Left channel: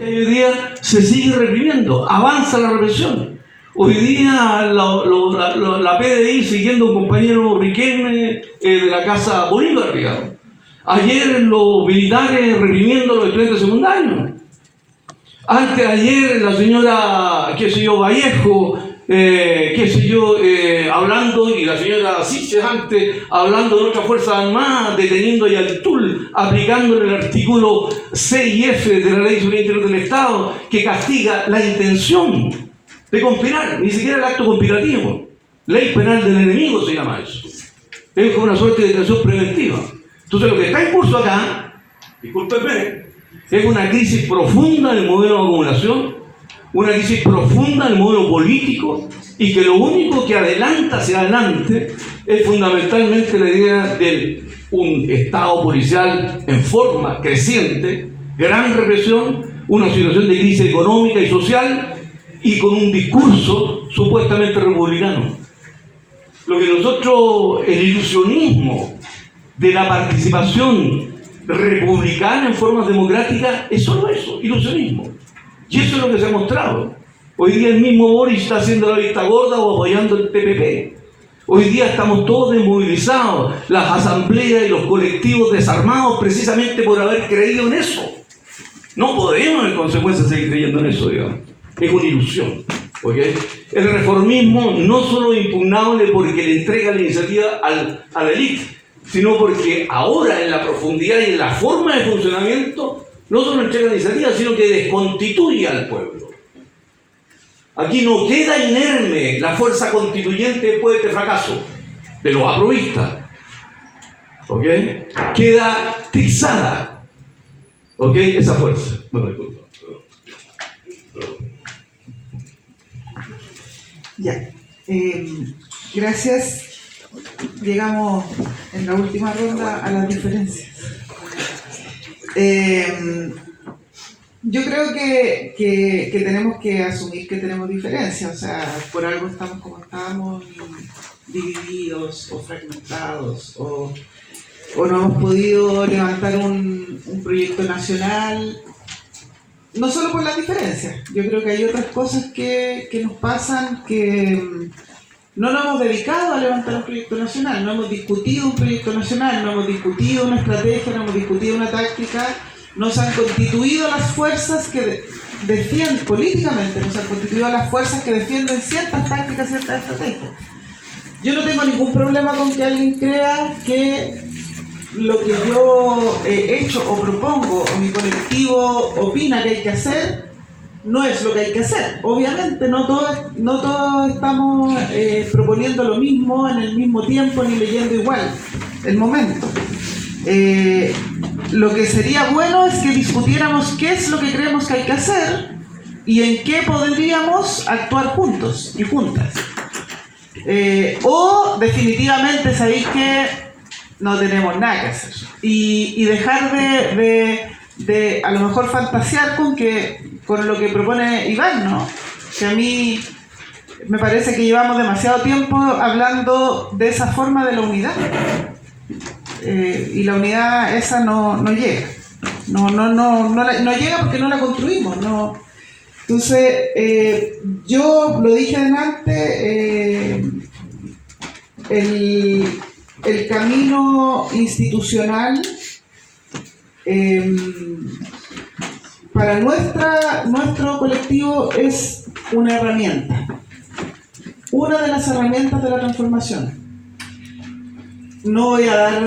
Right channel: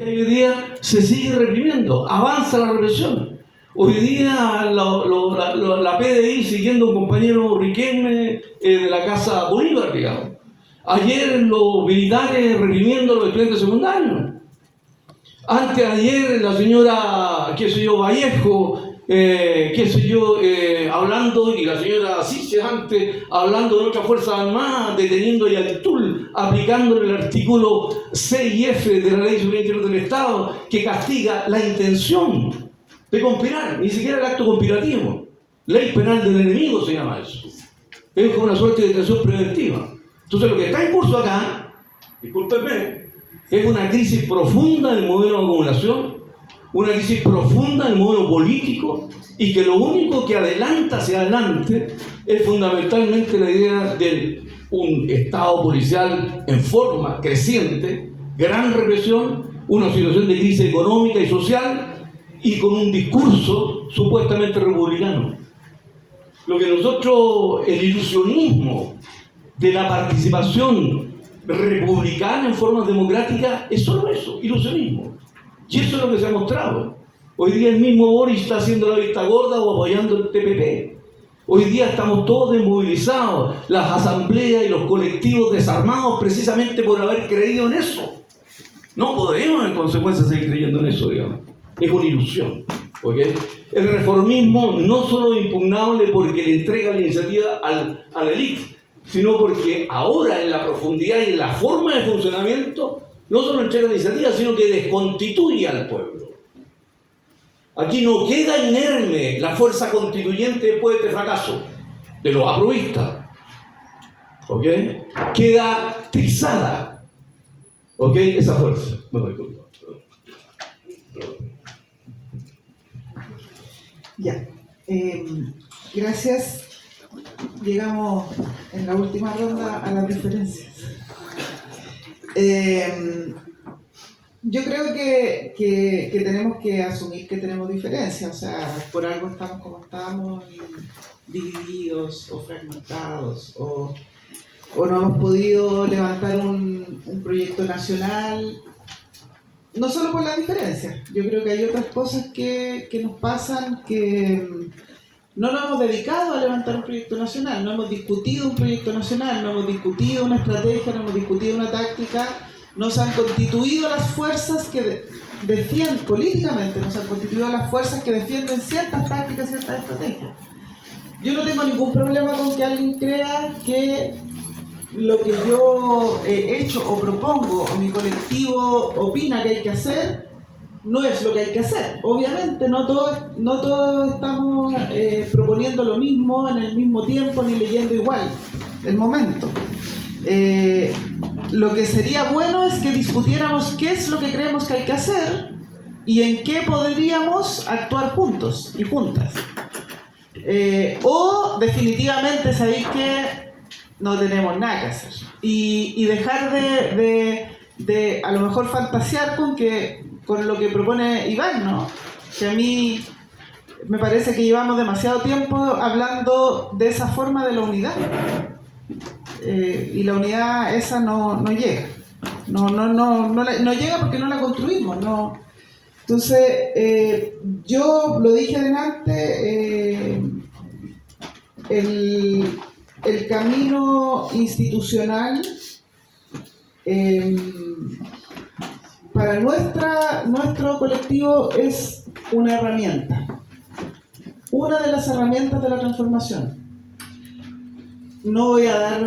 que hoy día se sigue reprimiendo, avanza la represión. Hoy día la PDI siguiendo a un compañero Riquelme de la Casa Bolívar, digamos. Ayer los militares reprimiendo a los estudiantes secundarios. Antes de ayer la señora, Vallejo, hablando, y la señora Siches antes, hablando de nuestras Fuerzas Armadas, deteniendo a Yaltul, aplicando el artículo C y F de la Ley de Seguridad Interior del Estado, que castiga la intención de conspirar, ni siquiera el acto conspirativo. Ley penal del enemigo se llama eso. Es como una suerte de detención preventiva. Entonces lo que está en curso acá, discúlpenme, es una crisis profunda en el modelo de acumulación, una crisis profunda en el modelo político, y que lo único que adelanta hacia adelante es fundamentalmente la idea de un Estado policial en forma creciente, gran represión, una situación de crisis económica y social, y con un discurso supuestamente republicano. Lo que nosotros, el ilusionismo de la participación republicana en forma democrática, es solo eso, ilusionismo. Y eso es lo que se ha mostrado. Hoy día el mismo Boris está haciendo la vista gorda o apoyando el TPP. Hoy día estamos todos desmovilizados, las asambleas y los colectivos desarmados precisamente por haber creído en eso. No podemos en consecuencia seguir creyendo en eso, digamos. Es una ilusión. ¿Okay? El reformismo no solo es impugnable porque le entrega la iniciativa a la élite, sino porque ahora en la profundidad y en la forma de funcionamiento no solo entrega la iniciativa, sino que desconstituye al pueblo. Aquí no queda inerme la fuerza constituyente después de este fracaso de los aprovistas. ¿Ok? Queda trizada. ¿Ok? Esa fuerza. Bueno, disculpa. Ya. Gracias. Llegamos en la última ronda a las diferencias. Yo creo que tenemos que asumir que tenemos diferencias, o sea, por algo estamos como estamos, divididos o fragmentados, o no hemos podido levantar un proyecto nacional, no solo por las diferencias. Yo creo que hay otras cosas que nos pasan, que no nos hemos dedicado a levantar un proyecto nacional, no hemos discutido un proyecto nacional, no hemos discutido una estrategia, no hemos discutido una táctica. Nos han constituido las fuerzas que defienden, políticamente, nos han constituido las fuerzas que defienden ciertas tácticas, ciertas estrategias. Yo no tengo ningún problema con que alguien crea que lo que yo he hecho o propongo o mi colectivo opina que hay que hacer no es lo que hay que hacer. Obviamente no todos estamos proponiendo lo mismo en el mismo tiempo ni leyendo igual el momento. Lo que sería bueno es que discutiéramos qué es lo que creemos que hay que hacer y en qué podríamos actuar juntos y juntas. O definitivamente sabéis que no tenemos nada que hacer. Y dejar de a lo mejor fantasear con lo que propone Iván, ¿no? Que a mí me parece que llevamos demasiado tiempo hablando de esa forma de la unidad. Y la unidad esa no llega. No llega porque no la construimos. No. Entonces, yo lo dije adelante, el camino institucional para nuestro colectivo es una herramienta. Una de las herramientas de la transformación. No voy a dar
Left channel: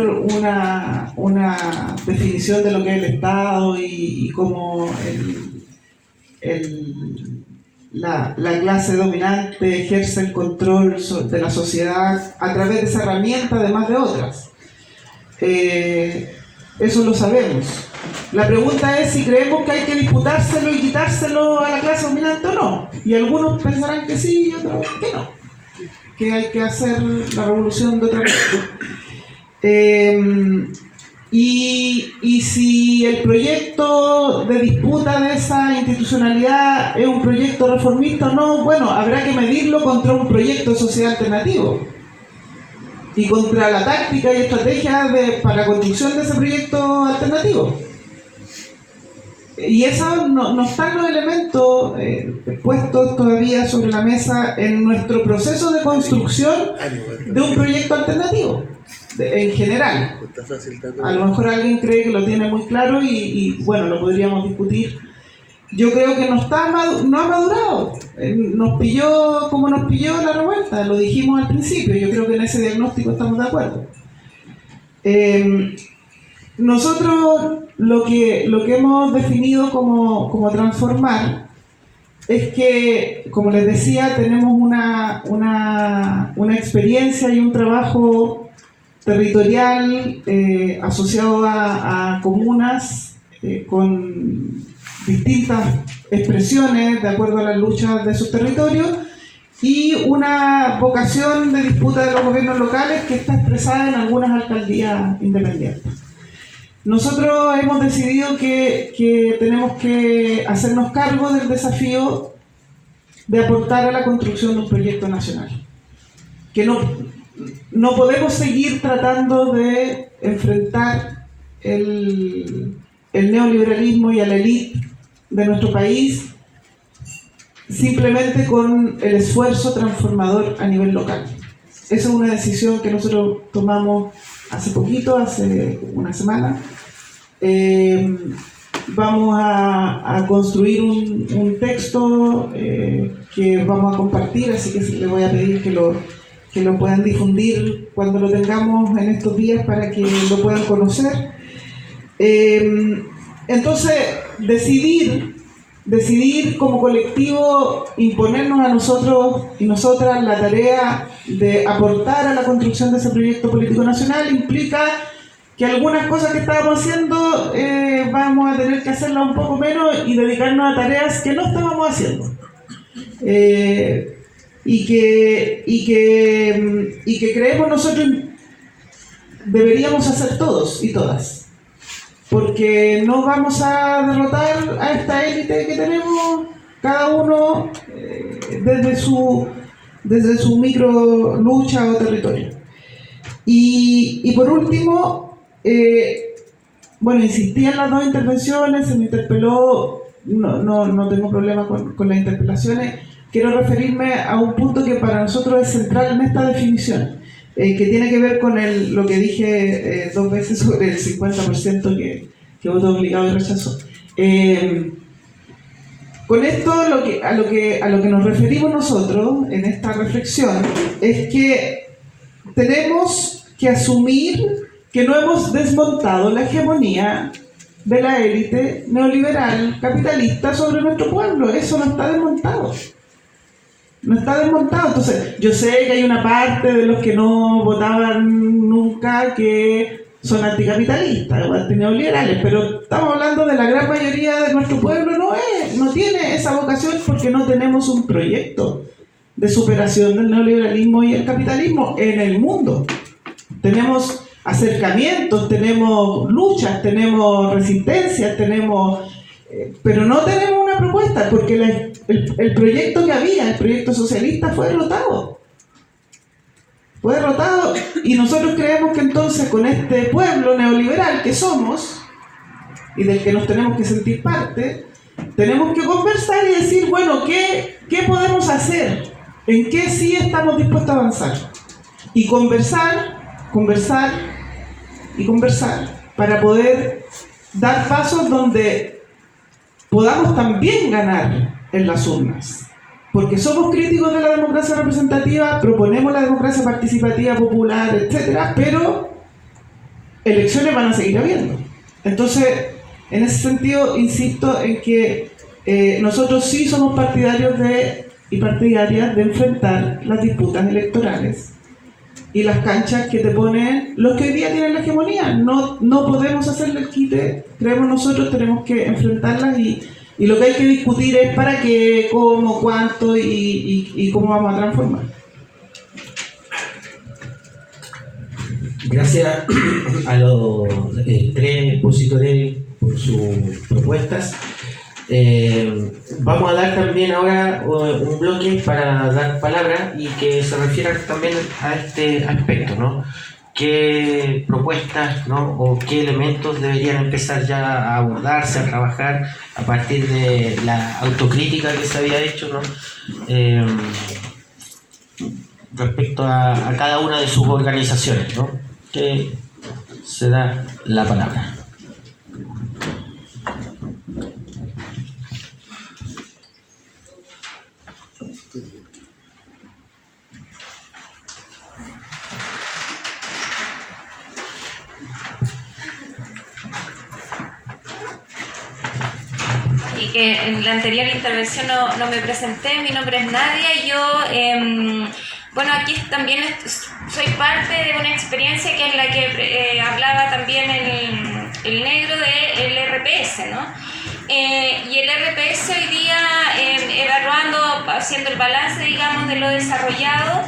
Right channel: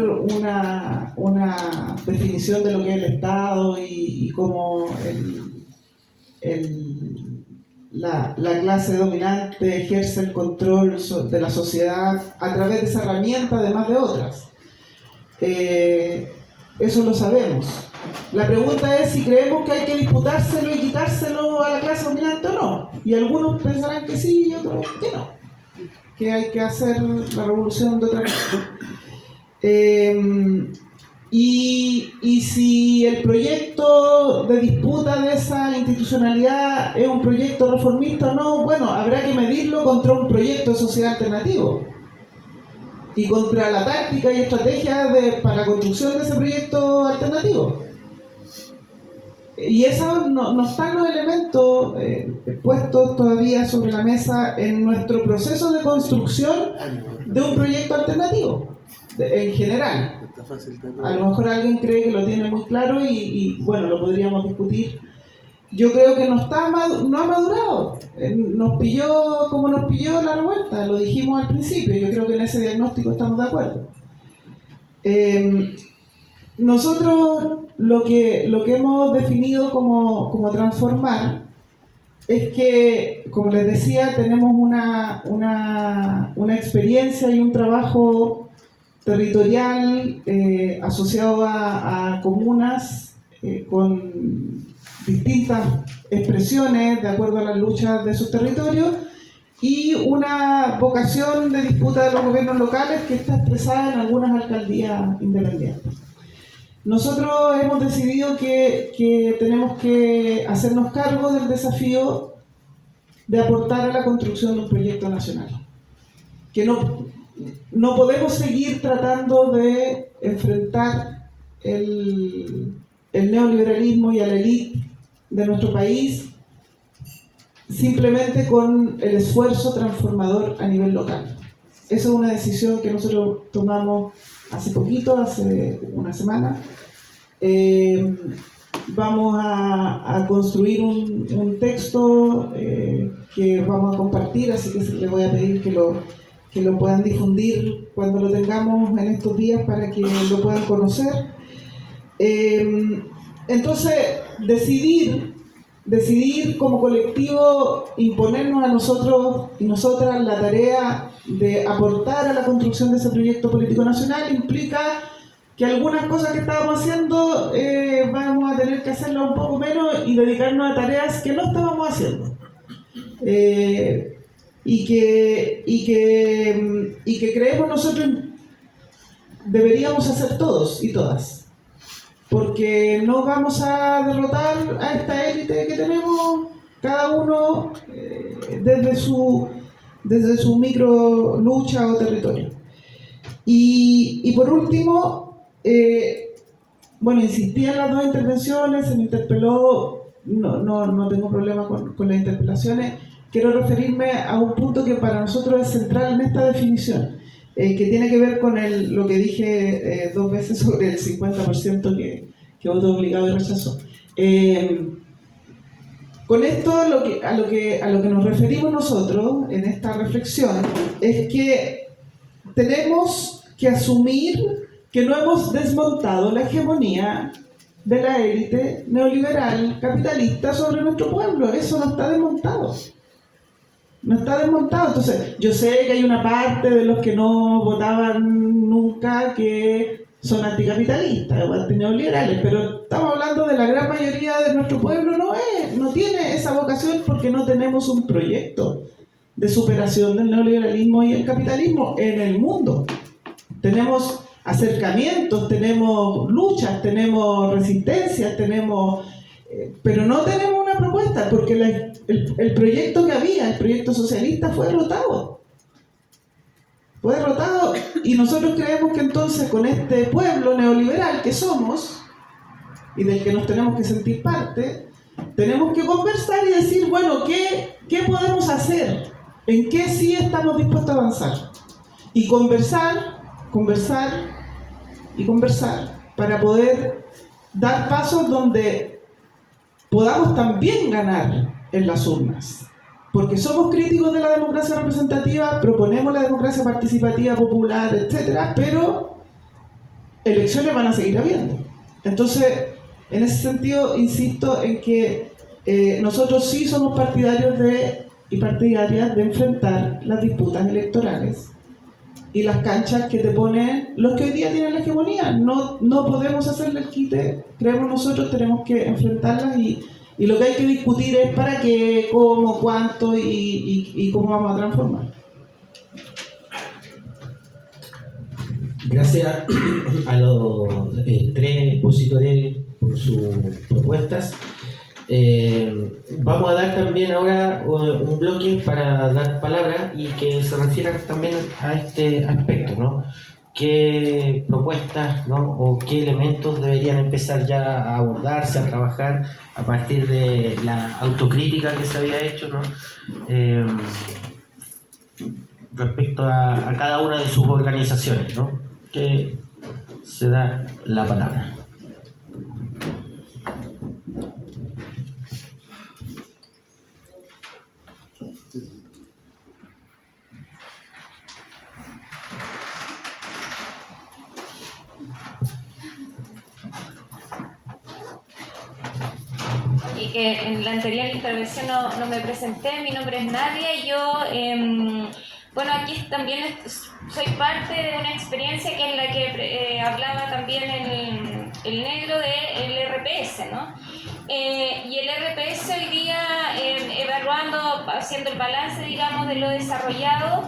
una definición de lo que es el Estado y cómo la clase dominante ejerce el control de la sociedad a través de esa herramienta, además de otras. Eso lo sabemos. La pregunta es si creemos que hay que disputárselo y quitárselo a la clase dominante o no. Y algunos pensarán que sí y otros que no. Que hay que hacer la revolución de otra manera. Y si el proyecto de disputa de esa institucionalidad es un proyecto reformista o no, bueno, habrá que medirlo contra un proyecto de sociedad alternativo y contra la táctica y estrategia para la construcción de ese proyecto alternativo. Y eso no están los elementos puestos todavía sobre la mesa en nuestro proceso de construcción de un proyecto alternativo, en general. A lo mejor alguien cree que lo tiene muy claro y bueno, lo podríamos discutir. Yo creo que no ha madurado. Nos pilló como nos pilló la revuelta, lo dijimos al principio. Yo creo que en ese diagnóstico estamos de acuerdo. Nosotros lo que hemos definido como transformar es que, como les decía, tenemos una experiencia y un trabajo territorial asociado a comunas con distintas expresiones de acuerdo a las luchas de sus territorios y una vocación de disputa de los gobiernos locales que está expresada en algunas alcaldías independientes. Nosotros hemos decidido que tenemos que hacernos cargo del desafío de aportar a la construcción de un proyecto nacional. Que no podemos seguir tratando de enfrentar el neoliberalismo y a la élite de nuestro país simplemente con el esfuerzo transformador a nivel local. Esa es una decisión que nosotros tomamos hace poquito, hace una semana. Vamos a construir un texto que vamos a compartir, así que les voy a pedir que lo puedan difundir cuando lo tengamos en estos días para que lo puedan conocer. Entonces, decidir como colectivo, imponernos a nosotros y nosotras la tarea de aportar a la construcción de ese proyecto político nacional implica que algunas cosas que estábamos haciendo vamos a tener que hacerlas un poco menos y dedicarnos a tareas que no estábamos haciendo. Y que creemos nosotros deberíamos hacer todos y todas. Porque no vamos a derrotar a esta élite que tenemos, cada uno desde su micro lucha o territorio. Y por último, bueno, insistí en las dos intervenciones, se me interpeló, no tengo problema con las interpelaciones. Quiero referirme a un punto que para nosotros es central en esta definición. Que tiene que ver con lo que dije 2 veces sobre el 50% que votó obligado y rechazó. Con esto a lo que nos referimos nosotros en esta reflexión es que tenemos que asumir que no hemos desmontado la hegemonía de la élite neoliberal capitalista sobre nuestro pueblo. Eso no está desmontado. No está desmontado. Entonces, yo sé que hay una parte de los que no votaban nunca que son anticapitalistas o antineoliberales, pero estamos hablando de la gran mayoría de nuestro pueblo, no tiene esa vocación porque no tenemos un proyecto de superación del neoliberalismo y el capitalismo en el mundo. Tenemos acercamientos, tenemos luchas, tenemos resistencias, pero no tenemos una propuesta porque el proyecto que había, el proyecto socialista, fue derrotado. Fue derrotado y nosotros creemos que entonces con este pueblo neoliberal que somos y del que nos tenemos que sentir parte, tenemos que conversar y decir, bueno, ¿qué podemos hacer? ¿En qué sí estamos dispuestos a avanzar? Y conversar para poder dar pasos donde podamos también ganar en las urnas. Porque somos críticos de la democracia representativa, proponemos la democracia participativa, popular, etcétera, pero elecciones van a seguir habiendo. Entonces, en ese sentido, insisto en que nosotros sí somos partidarios y partidarias de enfrentar las disputas electorales y las canchas que te ponen los que hoy día tienen la hegemonía. No podemos hacerle el quite, creemos nosotros, tenemos que enfrentarlas y lo que hay que discutir es para qué, cómo, cuánto y cómo vamos a transformar. Gracias a los 3 expositores por sus propuestas. Vamos a dar también ahora un bloque para dar palabra y que se refiera también a este aspecto, ¿no? qué propuestas, ¿no? O qué elementos deberían empezar ya a abordarse, a trabajar a partir de la autocrítica que se había hecho, ¿no? Respecto a cada una de sus organizaciones, ¿no? Que se da la palabra. Y que en la anterior intervención no me presenté, mi nombre es Nadia y yo, bueno, aquí también soy parte de una experiencia que es la que hablaba también el negro del RPS, ¿no? Y el RPS hoy día, evaluando, haciendo el balance, digamos, de lo desarrollado,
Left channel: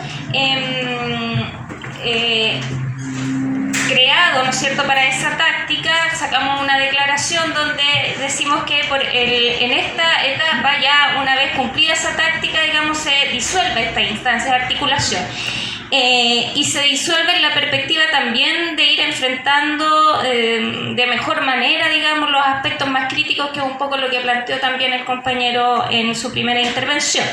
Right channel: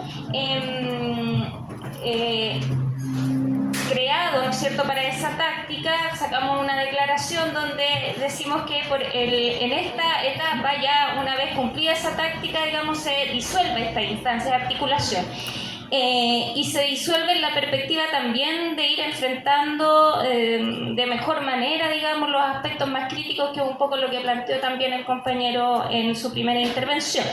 creado, ¿no es cierto?, para esa táctica, sacamos una declaración donde decimos que en esta etapa, ya una vez cumplida esa táctica, digamos, se disuelve esta instancia de articulación. Y se disuelve en la perspectiva también de ir enfrentando de mejor manera, digamos, los aspectos más críticos, que es un poco lo que planteó también el compañero en su primera intervención.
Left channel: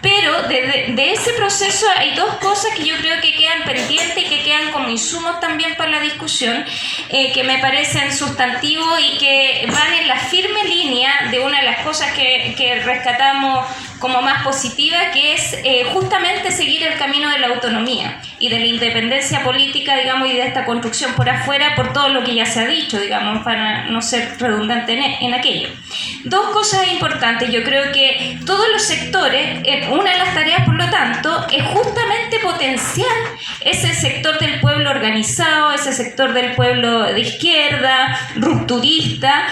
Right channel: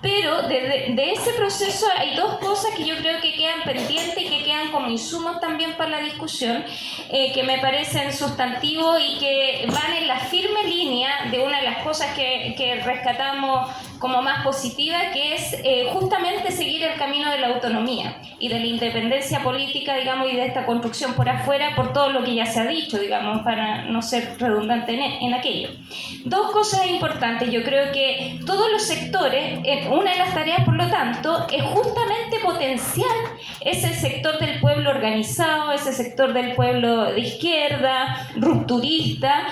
Pero de ese proceso hay dos cosas que yo creo que quedan pendientes y que quedan como insumos también para la discusión, que me parecen sustantivos y que van en la firme línea de una de las cosas que rescatamos como más positiva, que es justamente seguir el camino de la autonomía y de la independencia política, digamos, y de esta construcción por afuera, por todo lo que ya se ha dicho, digamos, para no ser redundante en aquello. Dos cosas importantes. Yo creo que todos los sectores, una de las tareas, por lo tanto, es justamente potenciar ese sector del pueblo organizado, ese sector del pueblo de izquierda, rupturista,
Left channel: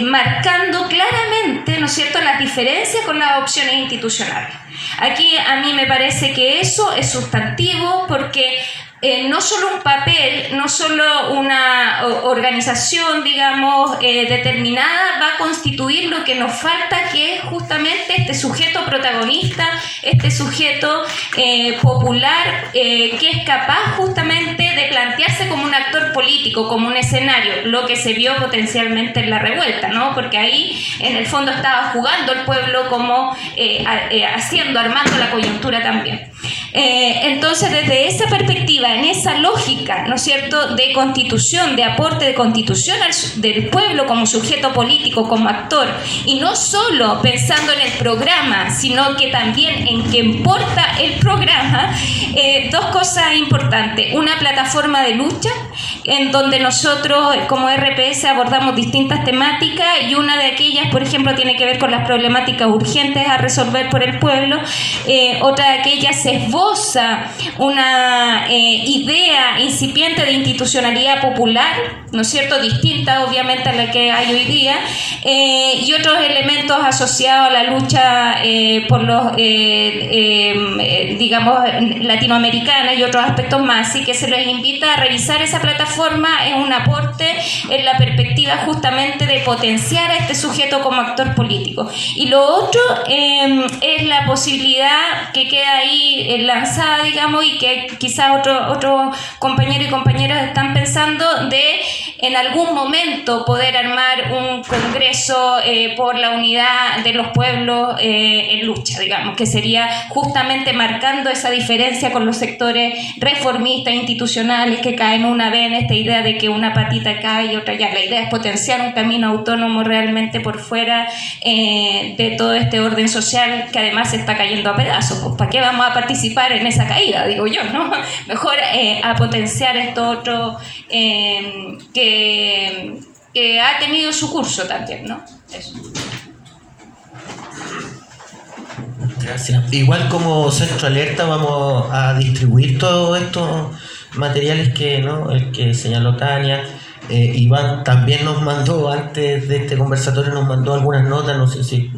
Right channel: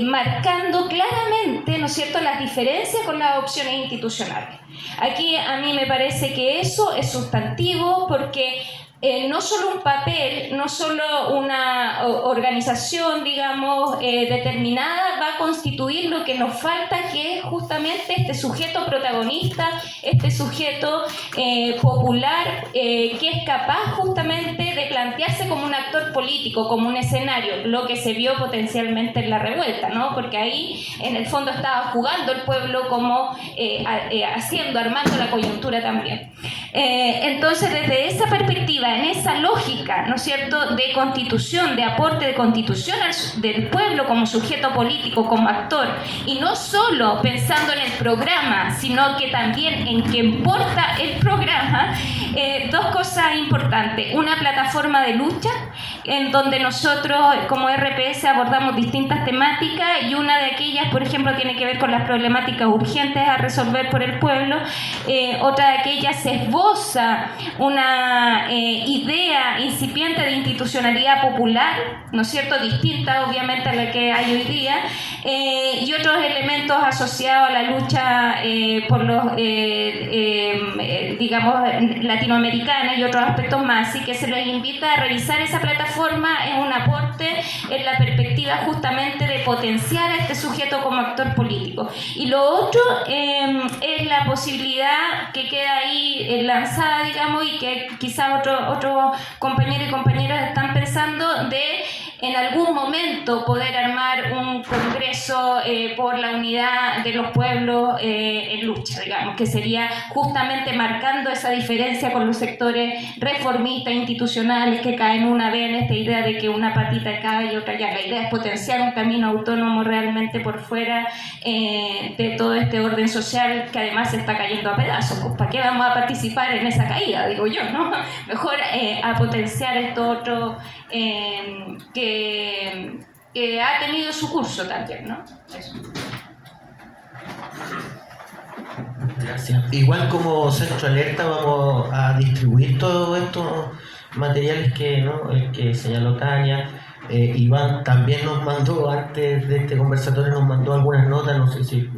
marcando claramente, ¿no es cierto?, las diferencias con las opciones institucionales. Aquí a mí me parece que eso es sustantivo, porque no solo un papel, no solo una organización, digamos, determinada va a constituir lo que nos falta, que es justamente este sujeto protagonista, este sujeto popular, que es capaz justamente de plantearse como un actor político, como un escenario, lo que se vio potencialmente en la revuelta, ¿no? Porque ahí en el fondo estaba jugando el pueblo como armando la coyuntura también. Entonces, desde esa perspectiva, en esa lógica, ¿no es cierto?, de constitución, de aporte de constitución del pueblo como sujeto político, como actor, y no solo pensando en el programa, sino que también en qué importa el programa, dos cosas importantes. Una plataforma de lucha, en donde nosotros como RPS abordamos distintas temáticas, y una de aquellas, por ejemplo, tiene que ver con las problemáticas urgentes a resolver por el pueblo. Otra de aquellas se esboza una idea incipiente de institucionalidad popular, ¿no es cierto?, distinta obviamente a la que hay hoy día, y otros elementos asociados a la lucha por los, digamos, latinoamericanas y otros aspectos más. Así que se les invita a revisar esa plataforma. Es un aporte en la perspectiva justamente de potenciar a este sujeto como actor político. Y lo otro es la posibilidad que queda ahí lanzada, digamos, y que quizás otros compañeros y compañeras están pensando, de en algún momento poder armar un congreso por la unidad de los pueblos en lucha, digamos, que sería justamente marcando esa diferencia con los sectores reformistas institucionales que caen una vez en esta idea de que una patita cae y otra ya. La idea es potenciar un camino autónomo realmente por fuera de todo este orden social que además se está cayendo a pedazos. Pues, ¿para qué vamos a participar en esa caída? Digo yo, ¿no? Mejor a potenciar esto otro que ha tenido su curso también, ¿no? Eso. Gracias. Igual como Centro Alerta vamos a distribuir todos estos materiales que, ¿no?, el que señaló Tania. Iván también nos mandó, antes de este conversatorio, nos mandó algunas notas, no sé si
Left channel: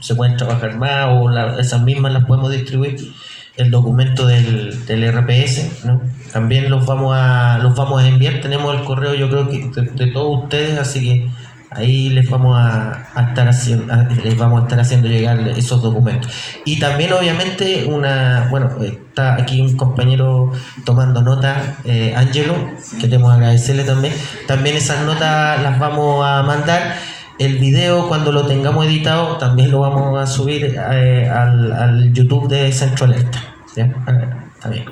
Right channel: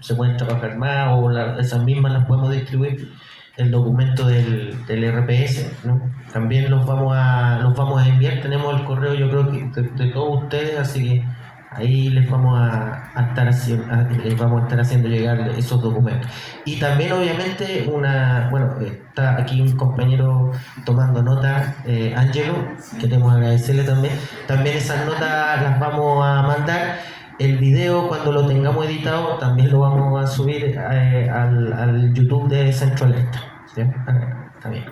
se pueden trabajar más o esas mismas las podemos distribuir. El documento del RPS, ¿no? También los vamos a enviar. Tenemos el correo, yo creo que de todos ustedes, así que Ahí les vamos les vamos a estar haciendo llegar esos documentos. Y también obviamente está aquí un compañero tomando nota, Ángelo, queremos agradecerle también. También esas notas las vamos a mandar. El video, cuando lo tengamos editado, también lo vamos a subir al YouTube de Centro Alerta. ¿Ya? Está bien.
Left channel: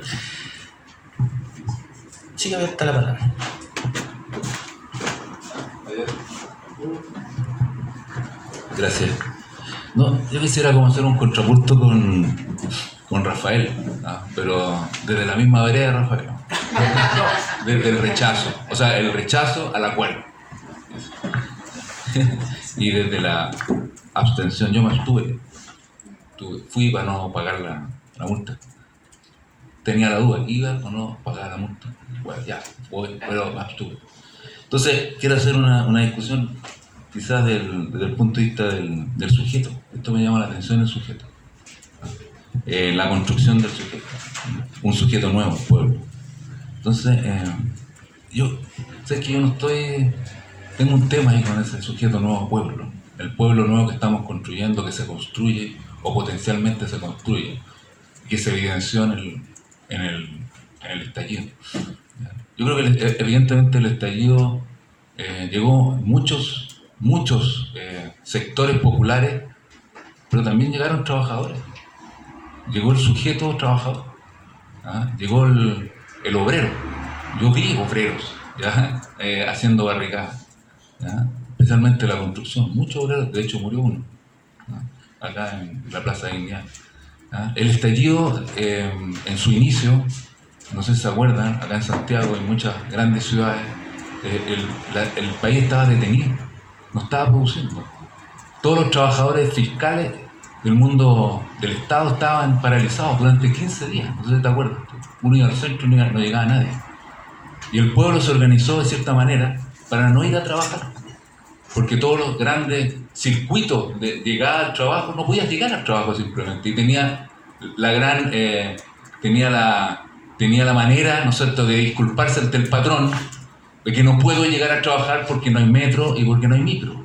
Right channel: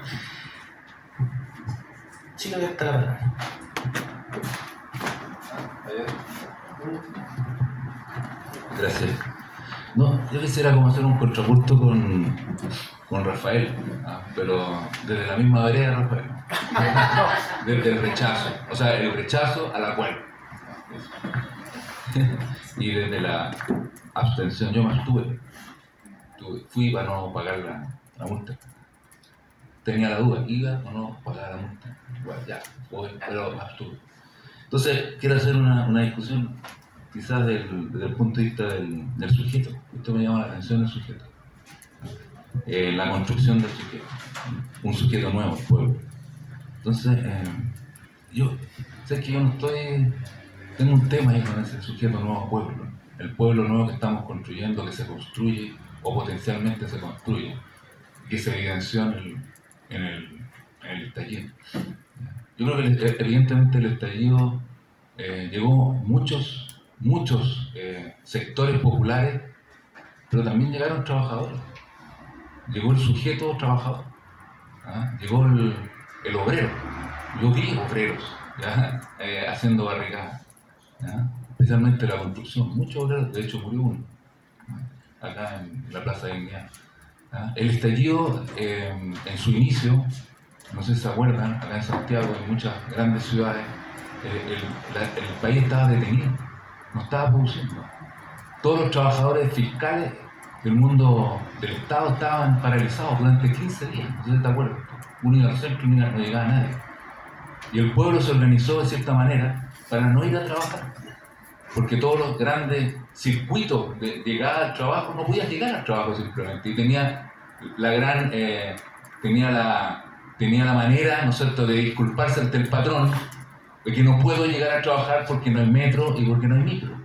Sí, que está la palabra. Gracias. No, yo quisiera como hacer un contrapunto con Rafael, pero desde la misma vereda, Rafael. Desde el rechazo, o sea, el rechazo a la cual. Y desde la abstención, yo me abstuve. Fui para no pagar la multa. Tenía la duda, iba o no pagar la multa. Bueno, ya, voy, pero me abstuve. Entonces, quiero hacer una discusión quizás desde el punto de vista del sujeto. Esto me llama la atención, el sujeto. La construcción del sujeto. Un sujeto nuevo, pueblo. Entonces, yo sé que yo no estoy... Tengo un tema ahí con ese sujeto nuevo pueblo. El pueblo nuevo que estamos construyendo, que se construye o potencialmente se construye, que se evidenció en el estallido. Yo creo que evidentemente el estallido llegó muchos sectores populares, pero también llegaron trabajadores. Llegó el sujeto trabajador, llegó el obrero. Yo vi obreros haciendo barricadas, especialmente la construcción. Muchos obreros, de hecho murió uno acá en la Plaza de Dignidad. El estallido en su inicio, no sé si se acuerdan, acá en Santiago y en muchas grandes ciudades, el país estaba detenido, no estaba produciendo. Todos los trabajadores fiscales del mundo del Estado estaban paralizados durante 15 días, no sé si te acuerdas. Uno iba al centro y no llegaba nadie. Y el pueblo se organizó de cierta manera para no ir a trabajar, porque todos los grandes circuitos de llegada al trabajo, no podías llegar al trabajo simplemente, y tenía la manera, ¿no es cierto?, de disculparse ante el patrón de que no puedo llegar a trabajar porque no hay metro y porque no hay micro.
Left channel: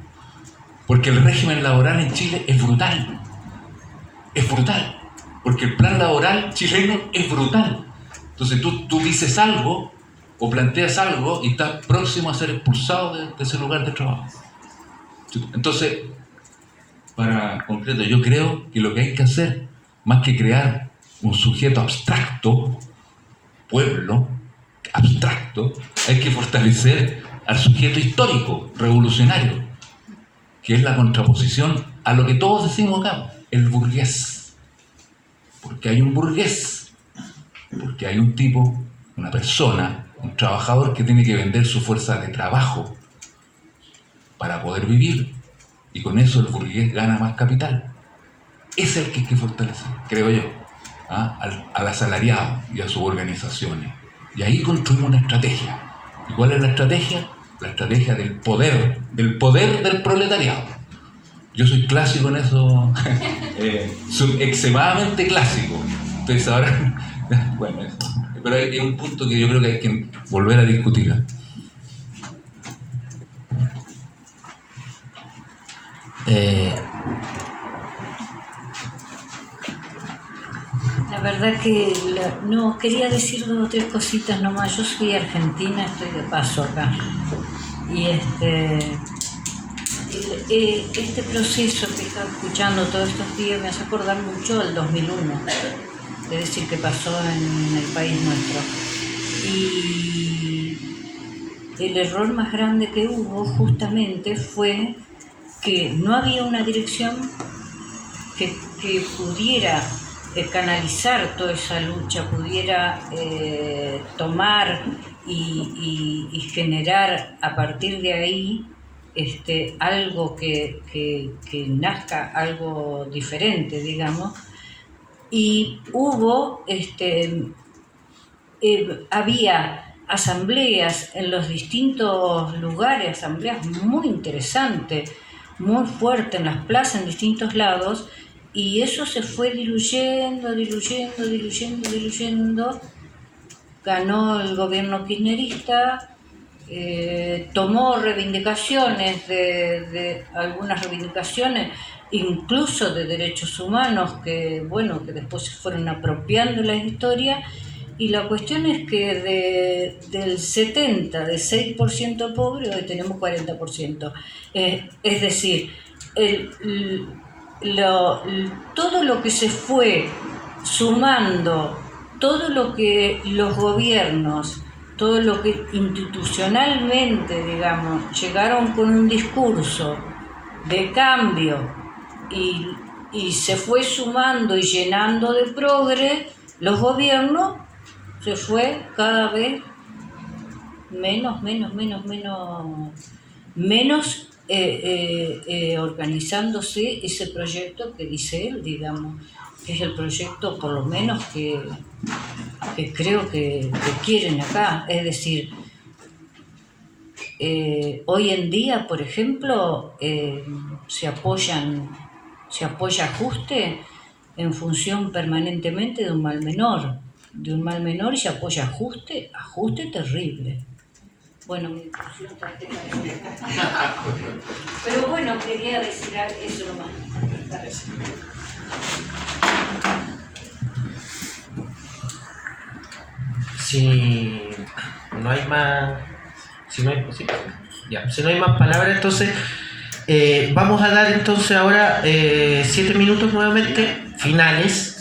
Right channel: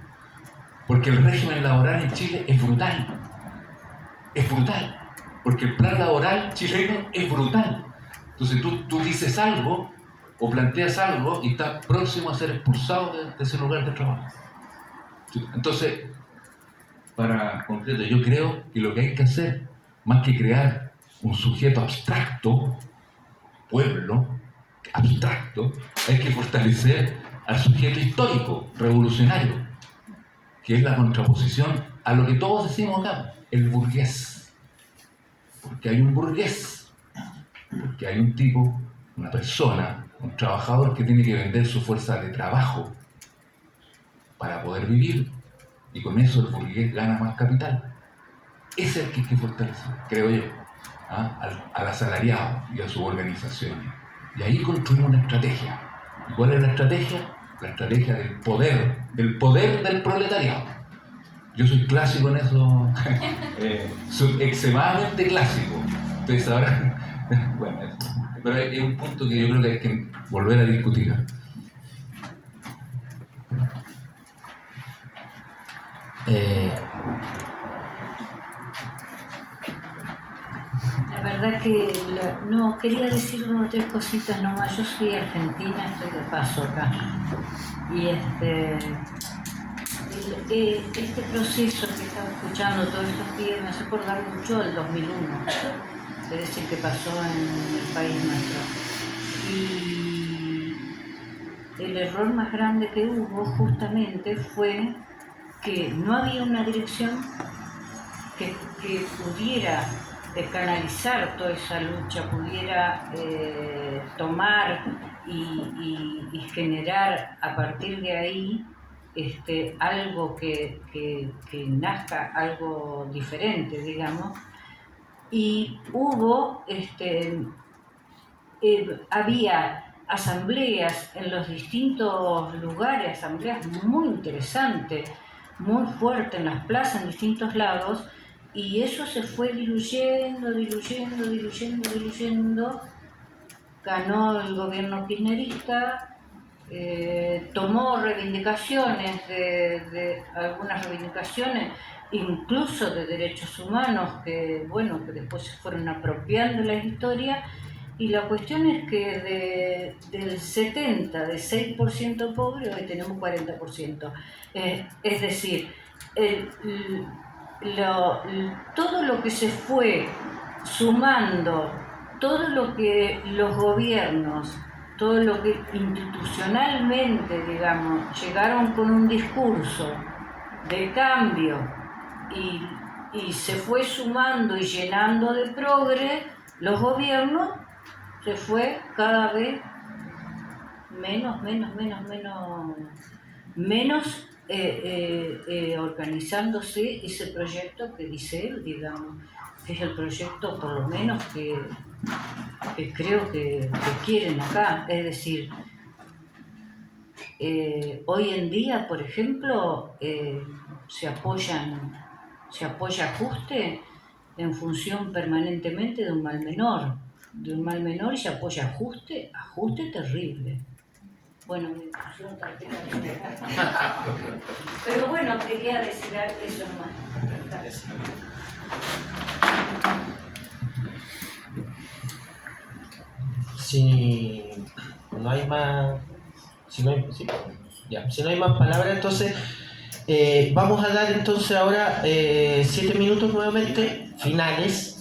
Porque el régimen laboral en Chile es brutal. Es brutal. Porque el plan laboral chileno es brutal. Entonces tú dices algo o planteas algo y estás próximo a ser expulsado de ese lugar de trabajo. Entonces, para concreto, yo creo que lo que hay que hacer, más que crear un sujeto abstracto, pueblo abstracto, hay que fortalecer al sujeto histórico, revolucionario, que es la contraposición a lo que todos decimos acá, el burgués. Porque hay un burgués, porque hay un tipo, una persona, un trabajador que tiene que vender su fuerza de trabajo para poder vivir, y con eso el burgués gana más capital. Ese es el que hay que fortalecer, creo yo, al asalariado y a sus organizaciones. Y ahí construimos una estrategia. ¿Y cuál es la estrategia? La estrategia del poder del proletariado. Yo soy clásico en eso, extremadamente clásico. Ustedes sabrán, bueno, eso. Pero hay un punto que yo creo que hay que volver a discutir. La verdad que no quería decir 2 o 3 cositas nomás. Yo soy argentina, estoy de paso acá. Y este proceso que he estado escuchando todos estos días me hace acordar mucho del 2001, es decir, que pasó en el país nuestro. Y el error más grande que hubo justamente fue que no había una dirección que pudiera canalizar toda esa lucha, pudiera tomar y generar a partir de ahí algo que nazca, algo diferente, digamos. Y hubo, había asambleas en los distintos lugares, asambleas muy interesantes, muy fuertes en las plazas, en distintos lados, y eso se fue diluyendo. Ganó el gobierno kirchnerista, tomó reivindicaciones de algunas reivindicaciones, incluso de derechos humanos, que después se fueron apropiando la historia. Y la cuestión es que del 70, de 6% pobre, hoy tenemos 40%. Es decir, todo lo que se fue sumando, todo lo que los gobiernos, todo lo que institucionalmente, digamos, llegaron con un discurso de cambio y se fue sumando y llenando de progre, los gobiernos se fue cada vez menos organizándose ese proyecto que dice él, digamos, que es el proyecto por lo menos que creo que quieren acá. Es decir, hoy en día, por ejemplo, se apoya ajuste en función permanentemente de un mal menor, y se apoya ajuste terrible. Bueno, mi discusión está terminada. Pero bueno, quería decir eso nomás. Si no hay más, si no hay más palabras, entonces vamos a dar entonces ahora 7 minutos nuevamente finales.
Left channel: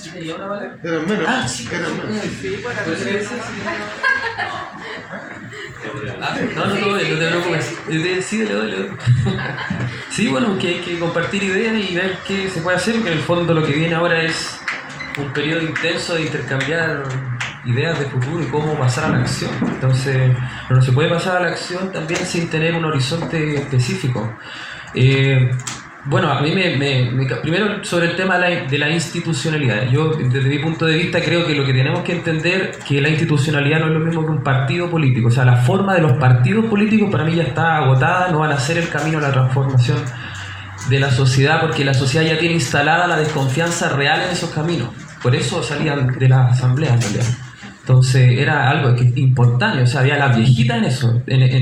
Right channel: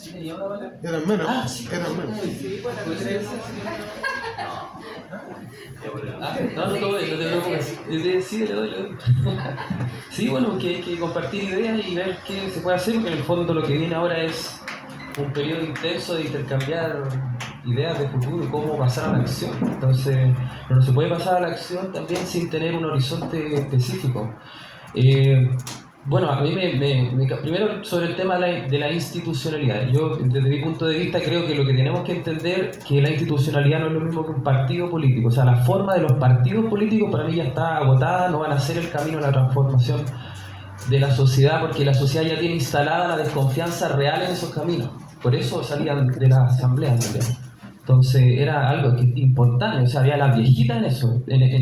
Eran menos. Sí. Eran menos. No te preocupes. Sí, le doy. Sí, bueno, que hay que compartir ideas y ver qué se puede hacer, porque en el fondo lo que viene ahora es un periodo intenso de intercambiar ideas de futuro y cómo pasar a la acción. Entonces, no se puede pasar a la acción también sin tener un horizonte específico. Bueno, a mí primero sobre el tema de la institucionalidad. Yo, desde mi punto de vista, creo que lo que tenemos que entender que la institucionalidad no es lo mismo que un partido político. O sea, la forma de los partidos políticos para mí ya está agotada, no van a ser el camino a la transformación de la sociedad, porque la sociedad ya tiene instalada la desconfianza real en esos caminos. Por eso salían de la asamblea en realidad. Entonces era algo importante, o sea, había las viejitas en eso.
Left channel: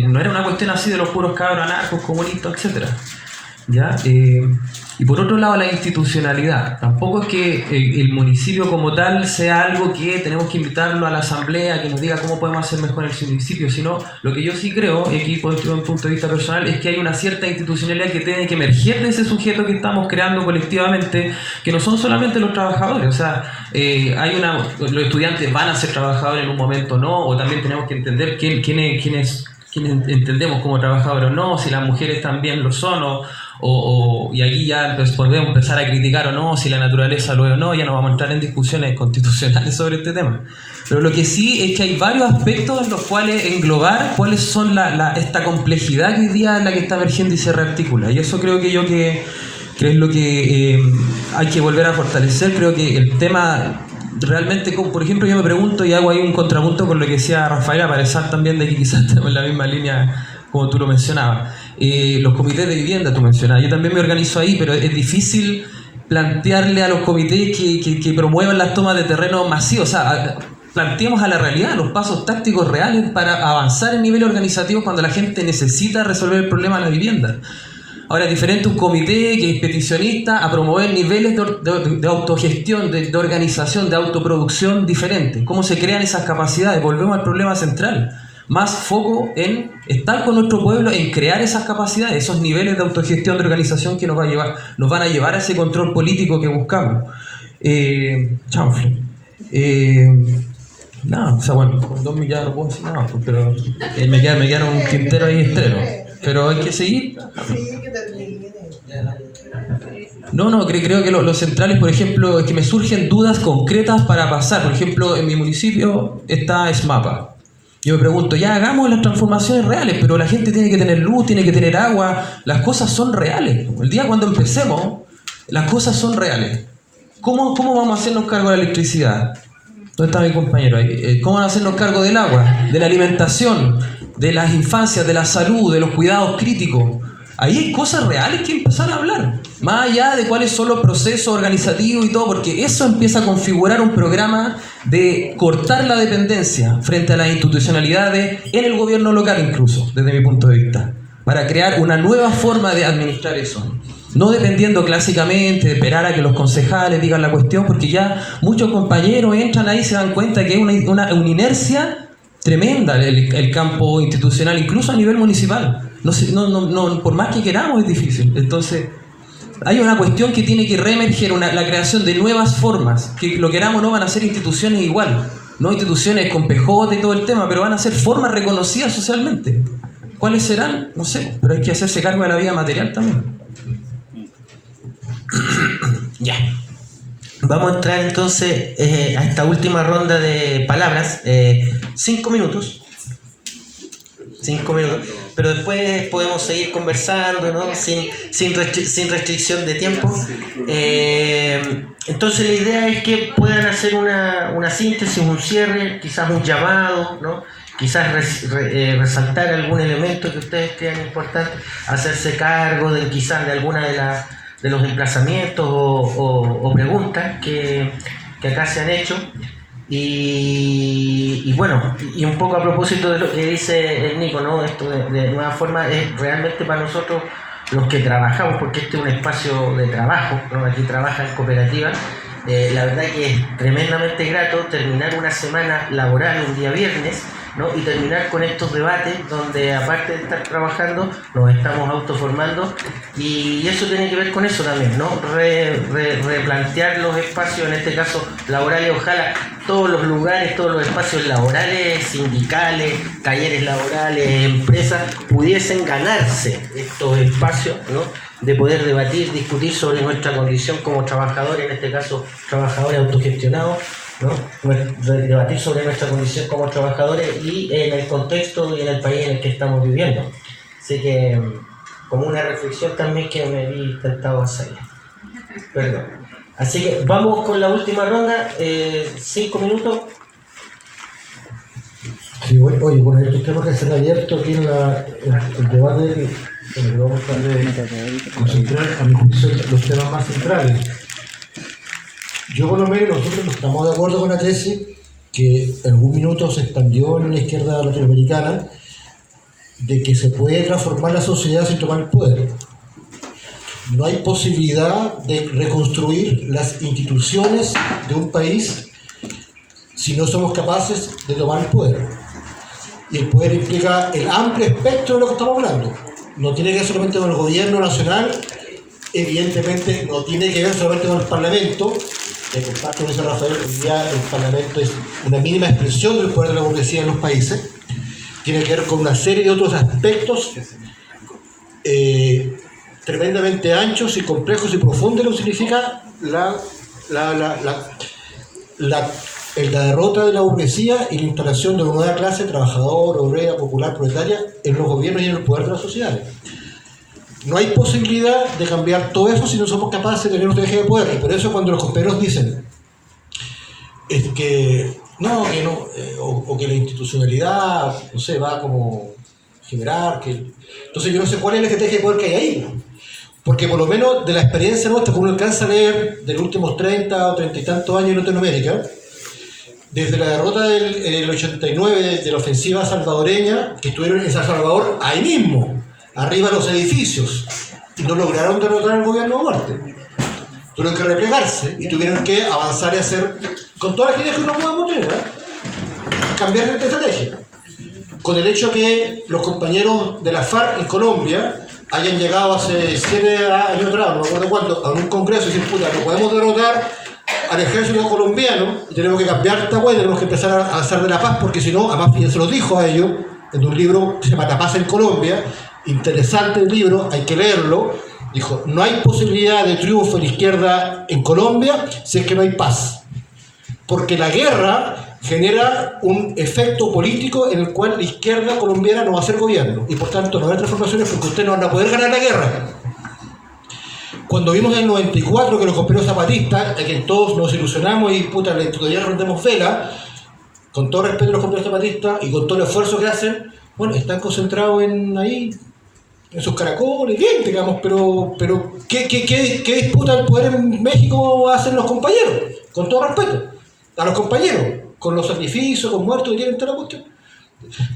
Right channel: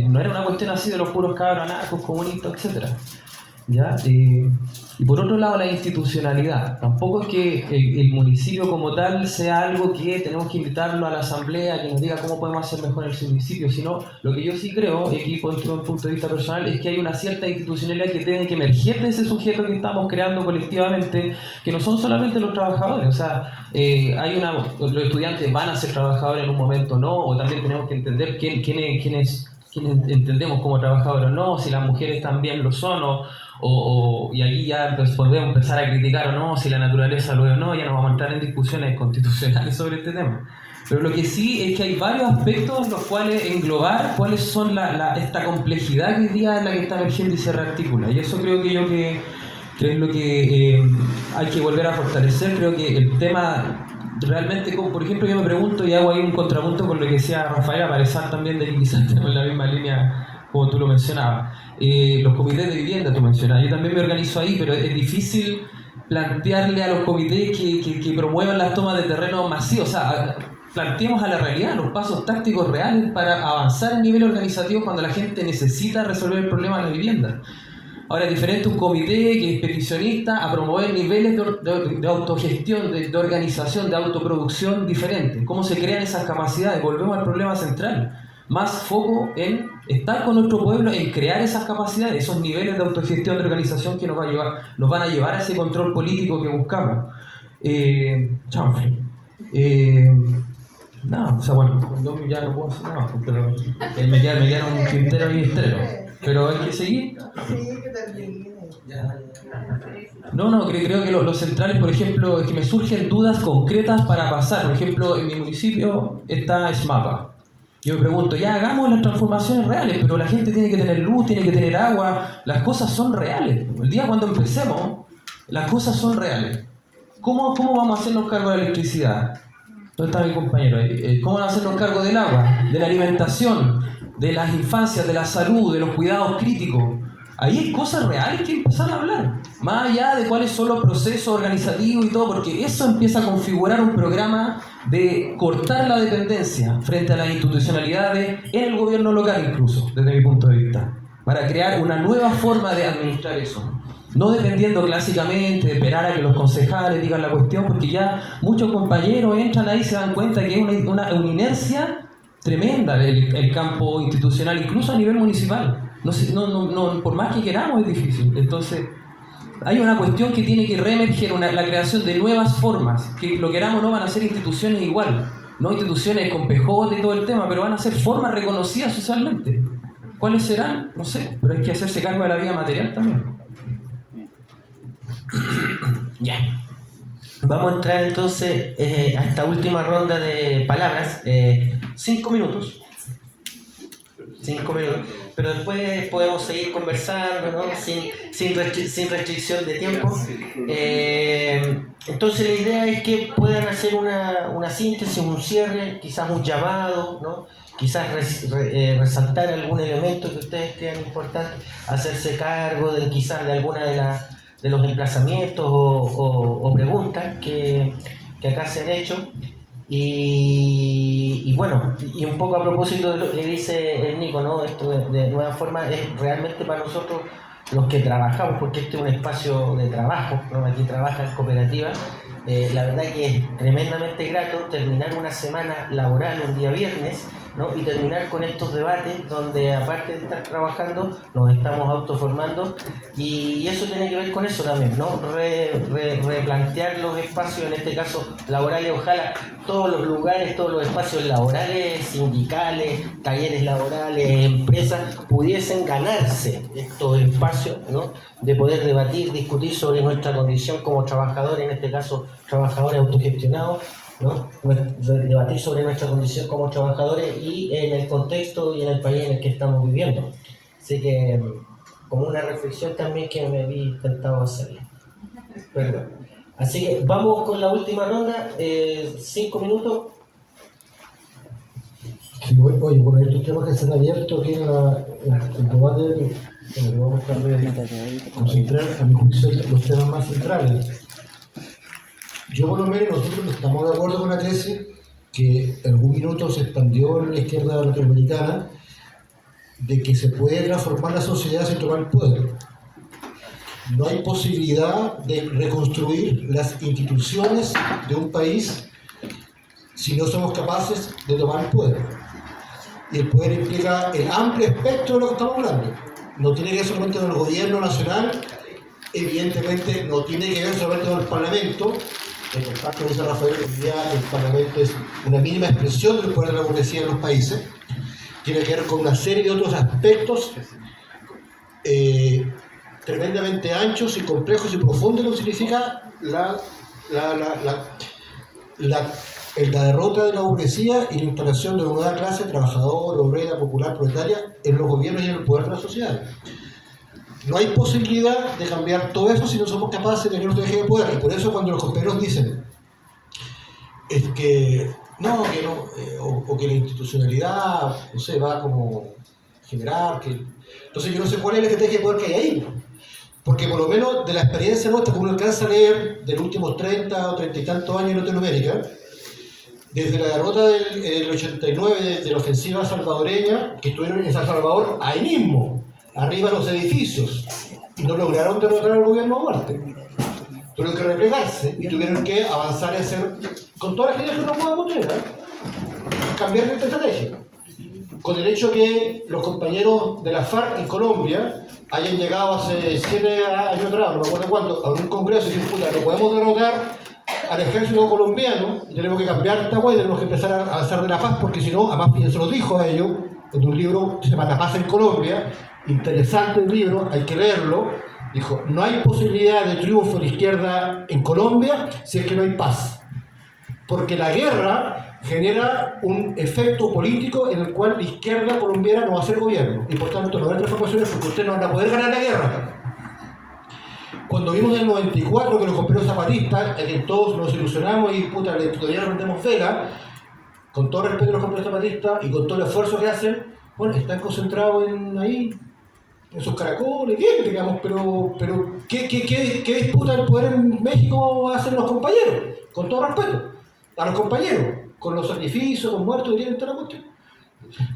No era una cuestión así de los puros cabros anarcos, comunistas, etcétera. ¿Ya? Y por otro lado, la institucionalidad. Tampoco es que el municipio como tal sea algo que tenemos que invitarlo a la asamblea, que nos diga cómo podemos hacer mejor el municipio, sino lo que yo sí creo, y aquí desde un punto de vista personal, es que hay una cierta institucionalidad que tiene que emerger de ese sujeto que estamos creando colectivamente, que no son solamente los trabajadores. O sea, los estudiantes van a ser trabajadores en un momento, ¿no? O también tenemos que entender quiénes entendemos como trabajadores o no, si las mujeres también lo son, y aquí ya podemos empezar a criticar o no, si la naturaleza lo es o no. Ya no vamos a entrar en discusiones constitucionales sobre este tema. Pero lo que sí es que hay varios aspectos en los cuales englobar cuáles son esta complejidad que hoy día es la que está emergiendo y se rearticula. Y eso creo que es lo que hay que volver a fortalecer. Creo que el tema realmente, por ejemplo, yo me pregunto y hago ahí un contrapunto con lo que decía Rafaela, para pesar también de que quizás estamos en la misma línea como tú lo mencionabas. Los comités de vivienda tú mencionabas, yo también me organizo ahí, pero es difícil plantearle a los comités que promuevan las tomas de terreno masivos. O sea, planteemos a la realidad los pasos tácticos reales para avanzar en nivel organizativo cuando la gente necesita resolver el problema de la vivienda. Ahora es diferente un comité que es peticionista a promover niveles de autogestión, de organización, de autoproducción diferentes. ¿Cómo se crean esas capacidades? Volvemos al problema central. Más foco en estar con nuestro pueblo, en crear esas capacidades, esos niveles de autogestión, de organización que nos van a llevar a ese control político que buscamos. Chanfle. No, o sea, bueno, con 2 millones no puedo decir nada, pero me quedaron un tintero ahí estreno. Pero hay que seguir. No, creo que los centrales, por ejemplo, es que me surgen dudas concretas para pasar. Por ejemplo, en mi municipio está SMAPA. Yo me pregunto, ya hagamos las transformaciones reales, pero la gente tiene que tener luz, tiene que tener agua, las cosas son reales. El día cuando empecemos, las cosas son reales. ¿Cómo vamos a hacernos cargo de la electricidad? ¿Dónde está mi compañero ahí? ¿Cómo van a hacernos cargo del agua, de la alimentación, de las infancias, de la salud, de los cuidados críticos? ahí hay cosas reales que empezar a hablar, más allá de cuáles son los procesos organizativos y todo, porque eso empieza a configurar un programa de cortar la dependencia frente a las institucionalidades en el gobierno local incluso, desde mi punto de vista, para crear una nueva forma de administrar eso. No dependiendo clásicamente de esperar a que los concejales digan la cuestión, porque ya muchos compañeros entran ahí y se dan cuenta que es una inercia tremenda el campo institucional, incluso a nivel municipal. No, por más que queramos es difícil. Entonces, hay una cuestión que tiene que reemerger, la creación de nuevas formas, que lo queramos o no van a ser instituciones igual, no instituciones con PJ y todo el tema, pero van a ser formas reconocidas socialmente. ¿Cuáles serán? No sé, pero hay que hacerse cargo de la vida material también. Ya. Vamos a entrar entonces a esta última ronda de palabras. 5 minutos. 5 minutos. Pero después podemos seguir conversando, ¿no? Sin restricción de tiempo. Entonces la idea es que puedan hacer una síntesis, un cierre, quizás un llamado, ¿no? Quizás resaltar algún elemento que ustedes crean importante, hacerse cargo quizás de alguna de los emplazamientos o preguntas que acá se han hecho. Y bueno, y un poco a propósito de lo que dice el Nico, ¿no? Esto de nueva forma es realmente para nosotros los que trabajamos, porque este es un espacio de trabajo, ¿no? Aquí trabajan cooperativas. La verdad que es tremendamente grato terminar una semana laboral un día viernes, ¿no? Y terminar con estos debates donde, aparte de estar trabajando, nos estamos autoformando, y eso tiene que ver con eso también, ¿no? Replantear los espacios, en este caso laborales, ojalá todos los lugares, todos los espacios laborales, sindicales, talleres laborales, empresas, pudiesen ganarse estos espacios, ¿no? De poder debatir, discutir sobre nuestra condición como trabajadores, en este caso trabajadores autogestionados, ¿no? Debatir sobre nuestra condición como trabajadores y en el contexto y en el país en el que estamos viviendo. Así que, como una reflexión también que me vi tentado a hacer. Perdón. Así que vamos con la última ronda, 5 minutos. Sí, oye, bueno, estos temas que se han abierto aquí en el debate, en el que vamos a tratar de concentrar, a mi juicio, los temas más centrales. Yo, por lo menos, nosotros no estamos de acuerdo con la tesis que en algún minuto se expandió en la izquierda latinoamericana de que se puede transformar la sociedad sin tomar el poder. No hay posibilidad de reconstruir las instituciones de un país si no somos capaces de tomar el poder. Y el poder implica el amplio espectro de lo que estamos hablando. No tiene que ver solamente con el gobierno nacional, evidentemente no tiene que ver solamente con el Parlamento. El comparto que dice Rafael, hoy día el Parlamento es una mínima expresión del poder de la burguesía en los países. Tiene que ver con una serie de otros aspectos tremendamente anchos y complejos y profundos, lo que significa la derrota de la burguesía y la instalación de una nueva clase trabajadora, obrera, popular, proletaria en los gobiernos y en el poder de las sociedades. No hay posibilidad de cambiar todo eso si no somos capaces de tener un eje de poder. Y por eso cuando los compañeros dicen que la institucionalidad, no sé, va como generar que... Entonces yo no sé cuál es el eje de poder que hay ahí, ¿no? Porque por lo menos de la experiencia nuestra, que uno alcanza a leer de los últimos 30 o 30 y tantos años en Latinoamérica, desde la derrota del 89 de la ofensiva salvadoreña, que estuvieron en San Salvador ahí mismo, arriba de los edificios, y no lograron derrotar al gobierno a muerte. Tuvieron que replegarse y tuvieron que avanzar y hacer, con todas las ideas que uno podemos tener, cambiar de estrategia. Con el hecho que los compañeros de la FARC en Colombia hayan llegado hace 7 años atrás, no me acuerdo cuándo, a un congreso y decir, puta, no podemos derrotar al ejército colombiano y tenemos que cambiar esta huella, tenemos que empezar a hacer de la paz, porque si no, además ya se los dijo a ellos en un libro que se llama La Paz en Colombia, interesante el libro, hay que leerlo. Dijo, no hay posibilidad de triunfo de la izquierda en Colombia si es que no hay paz, porque la guerra genera un efecto político en el cual la izquierda colombiana no va a ser gobierno y por tanto no va a haber transformaciones porque ustedes no van a poder ganar la guerra. Cuando vimos en el 94 que los compañeros zapatistas, que todos nos ilusionamos y puta, todavía no rendemos vela, con todo respeto a los compañeros zapatistas y con todo el esfuerzo que hacen, bueno, están concentrados en ahí, en sus caracoles, bien, digamos, pero ¿qué disputa el poder en México hacen los compañeros? Con todo respeto, a los compañeros, con los sacrificios, con muertos que tienen toda la cuestión.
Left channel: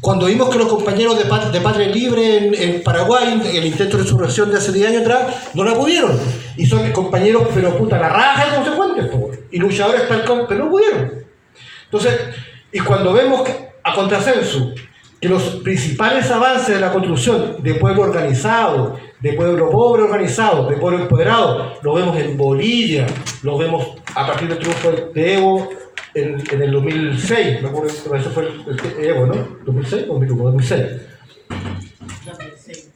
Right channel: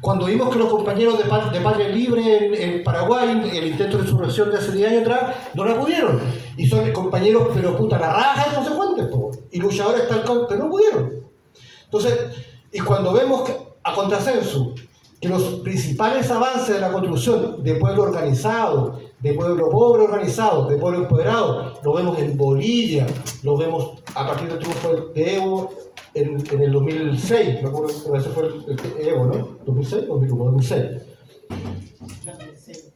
Cuando vimos que los compañeros de Patria Libre en Paraguay, el intento de insurrección de hace 10 años atrás, no la pudieron. Y son compañeros, pero puta, la raja de consecuentes, y luchadores tal como, pero no pudieron. Entonces, y cuando vemos que, a contrasenso, que los principales avances de la construcción de pueblo organizado, de pueblo pobre organizado, de pueblo empoderado, lo vemos en Bolivia, lo vemos a partir del triunfo de Evo en el 2006, me acuerdo, eso fue el Evo, ¿no? ¿2006 o 2006?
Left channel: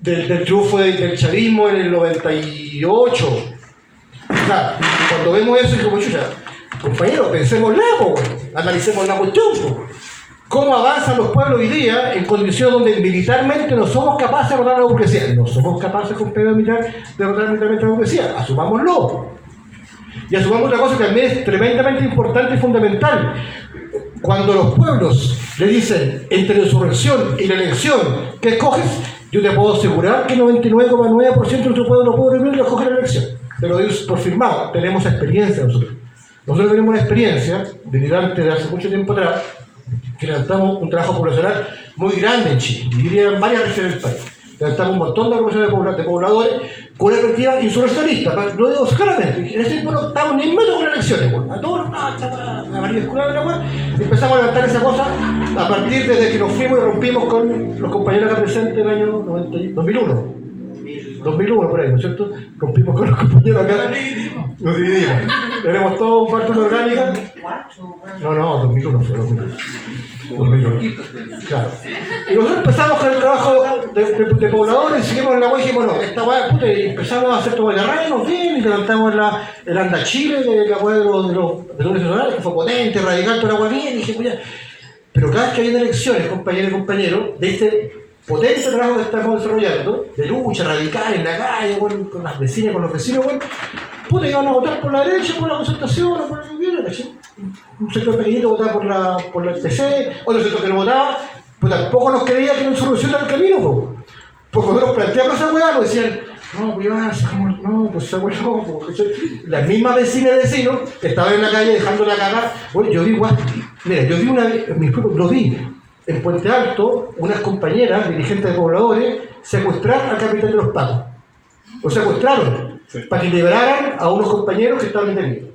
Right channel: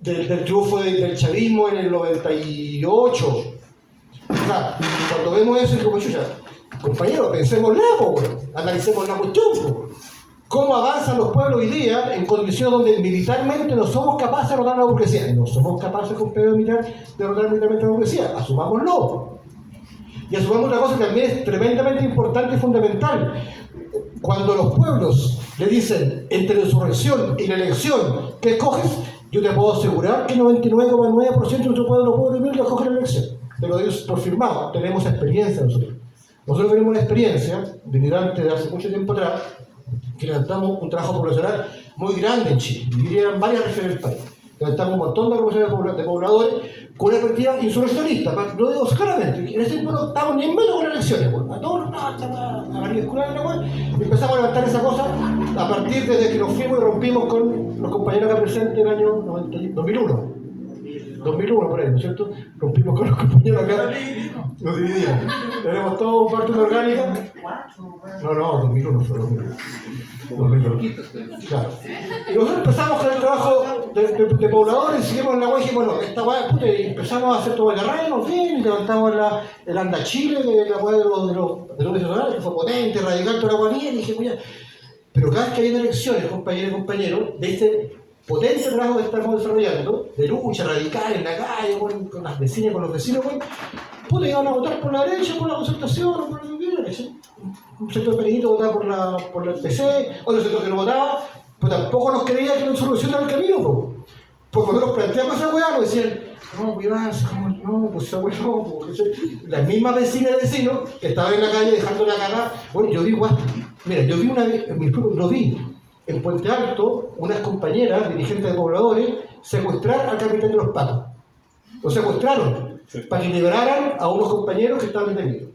Del triunfo del chavismo en el 98. O sea, cuando vemos eso, es como chucha, compañeros, pensémosla, analicemos la cuestión. ¿Cómo avanzan los pueblos hoy día en condiciones donde militarmente no somos capaces de derrotar a la burguesía? No somos capaces con pedo militar de derrotar militarmente a la burguesía. Asumámoslo. Y asumamos otra cosa que también es tremendamente importante y fundamental. Cuando los pueblos le dicen entre la insurrección y la elección, ¿qué escoges? Yo te puedo asegurar que el 99,9% de nuestro pueblo pobre lo escoge la elección. Te lo digo por firmado. Tenemos experiencia nosotros. Nosotros tenemos una experiencia de militante de hace mucho tiempo atrás, que levantamos un trabajo poblacional muy grande en Chile, y diría en varias regiones del país. Levantamos un montón de poblaciones de pobladores con una perspectiva insurreccionista, lo digo claramente. En ese tiempo no estábamos ni en medio con las elecciones, a todos a María Escuela de la web, empezamos a levantar esa cosa a partir desde que nos fuimos y rompimos con los compañeros acá presentes en el año 2001. 2001 por ahí, ¿no es cierto? Rompimos con los compañeros acá, nos dividimos. Tenemos todo parte orgánica. No, 2001 fue 2001. Claro. Y nosotros empezamos con el trabajo de pobladores, seguimos en la web y dijimos, bueno, esta web, puta, y empezamos a hacer todo el arraigo, bien, y levantamos el Anda Chile, que la web de los nacionales, que fue potente, radical, toda la web bien, y dije, pues ya. Pero cada vez que había elecciones, compañeros y compañeros, de este potente trabajo que estamos desarrollando, de lucha radical en la calle, bueno, con las vecinas, con los vecinos, bueno, puta, iban a votar por la derecha, por la concertación, o por la que hubiera, un sector pequeñito votaba por la PC, otro sector que no votaba, pues tampoco nos creía que no solucionara el camino, porque cuando nos planteamos esa hueá, nos decían, no, pues no, pues esa hueá no, porque las mismas vecinas y vecinos que estaban en la calle dejando la cagada, bueno, yo vi igual, mira, yo vi una vez, lo vi, en Puente Alto, unas compañeras, dirigentes de pobladores, secuestraron al capitán de los pacos. Lo secuestraron para que liberaran a unos compañeros que estaban detenidos.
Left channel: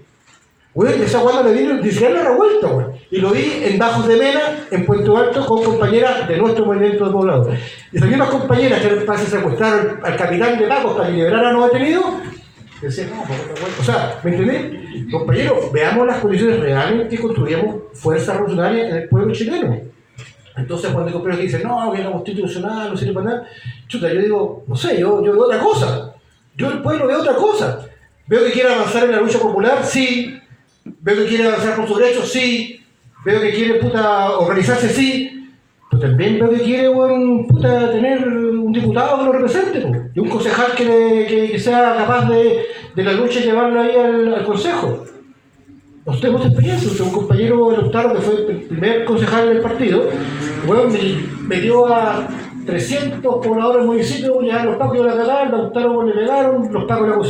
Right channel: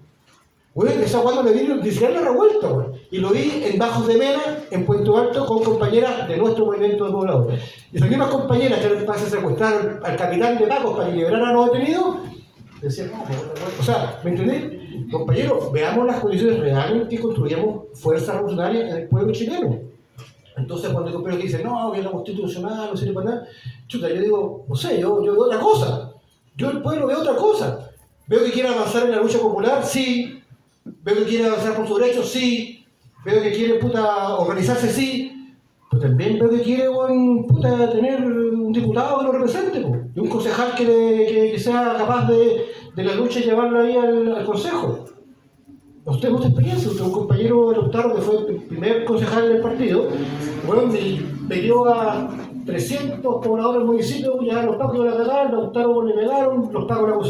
Güey, esa cuando le dieron, ni siquiera la revuelta, güey. Y lo vi en Bajos de Mena, en Puente Alto, con compañeras de nuestro movimiento de pobladores. Y esas mismas compañeras que secuestraron al capitán de pacos para que liberaran a los detenidos, decían, no, o sea, ¿me entendés? Compañeros, veamos las condiciones reales que construyamos fuerzas revolucionarias en el pueblo chileno. Entonces, cuando hay compañeros que dicen, no, que la constitucional no sirve para nada, chuta, yo digo, no sé, yo veo otra cosa. Yo el pueblo veo otra cosa. Veo que quiere avanzar en la lucha popular, sí. Veo que quiere avanzar por sus derechos, sí. Veo que quiere, organizarse, sí. Pero también veo que quiere, tener un diputado que lo represente, y un concejal que sea capaz de la lucha y llevarlo ahí al consejo. Nosotros tenemos experiencia, un compañero Lautaro, que fue el primer concejal del partido, me dio a 300 pobladores del municipio, ya los pacos de la cagada, el Lautaro le pegaron, los pacos le acusaron.